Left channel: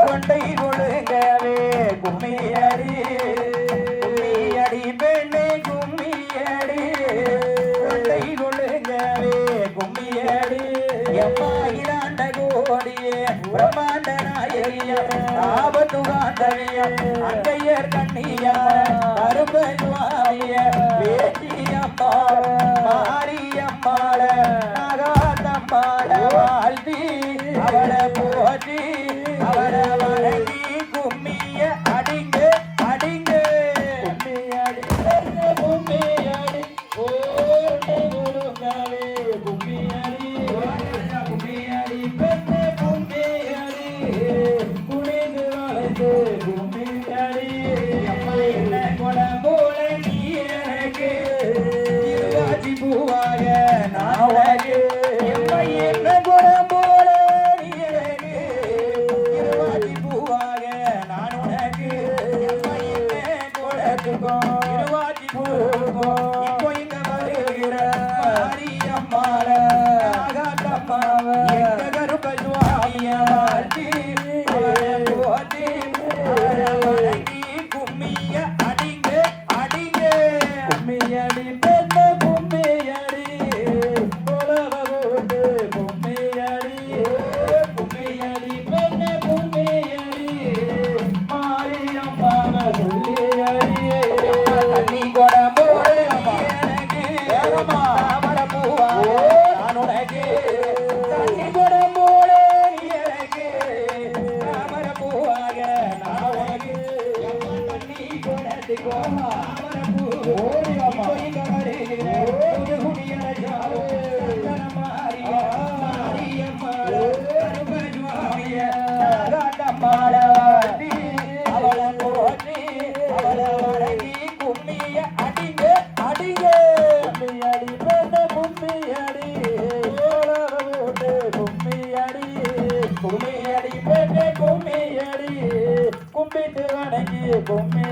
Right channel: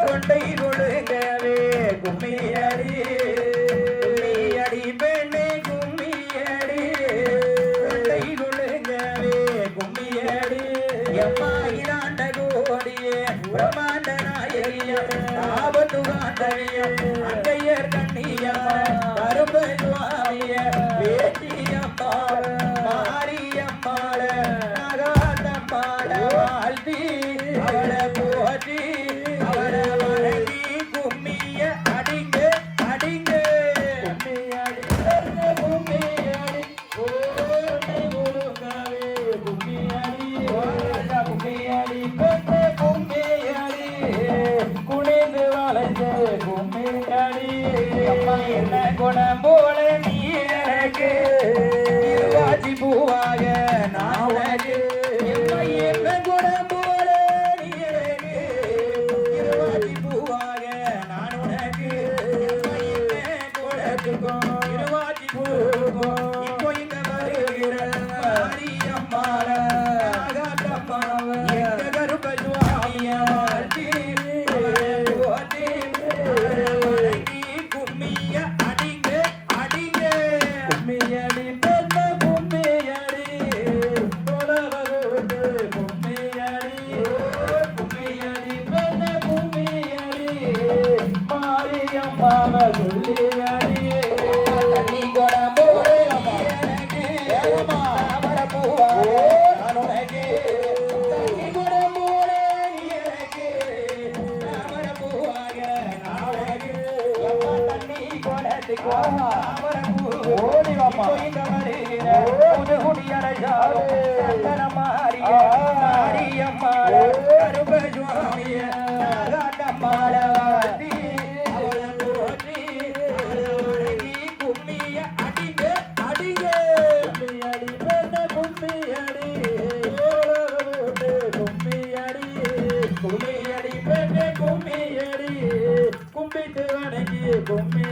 கொண்டை கொழுங்கவே கும்மியடி கும்மியடி பெண்ணே கும்மியடி கொண்டை கொழுங்கவே கும்மியடி எம்மா இராண்ட கோடியே பிரம்மாண்ட நாயகியம் ஆபத்து காந்தவியம் அங்கையர் கண்ணியம்மா கருப்ப சுவாமிய வேட்டியம்மா மாரியம்மாள நாகாத்தம்மாள வாழ்த்தி அவளை போற்றி அவளை வணங்கி கும்மிய அடிங்க அடிங்க கும்மியடி கும்மியடி ஓடி முழுங்கவே கும்மியடி கும்மியடி பெண்ணே கும்மியடி குனிந்து வளைந்து கும்மியடி என்ன குணம் போல நீ எனக்கு இருவாச்சி பூவாக நான் உனக்கு என்ன குணம் போல நீ எனக்கு இருவாச்சி பூவாக நான் உனக்கு குணத்துக்கும் இருவாச்சி பூவுக்கும் இப்போ இங்க வருகிற மாரியம்மாள நாகாத்தம்மாவ எங்க கருப்ப சுவாமிய வாழ்த்தி போற்றி வணங்கி கும்மிய அடிங்க அடிங்க கும்மியடி பெண்ண கும்மியடி தொலவரோடு கும்மியடி கும்மியடி பெண்ண கும்மியடி மாரியம்மாவ சொல்லியடி தண்ணி கொடம்போடு எனக்கு தாமர பூவா நான் உனக்கு தண்ணி கொடம்போடு எனக்கு தாமர பூவாக நான் உனக்கு எம்மா தண்ணி கொடத்துக்கு தாமர பூ ஓடி வாமா இங்க வருகிற புது குடியடைச்சாரு ரத்தன மாரியம்மா கருப்ப சுவாமிய நாகாத்தம்மாள வாழ்த்தி அவளை போற்றி அவளை வணங்கி கும்மிய அடிங்க அடிங்க கும்மியடி பெண்ண கும்மியடி ஓலவோட்டு கும்மியடி கும்மியடி பெண்ண கும்மியடி கும்பிட்டு வணங்கி கும்மி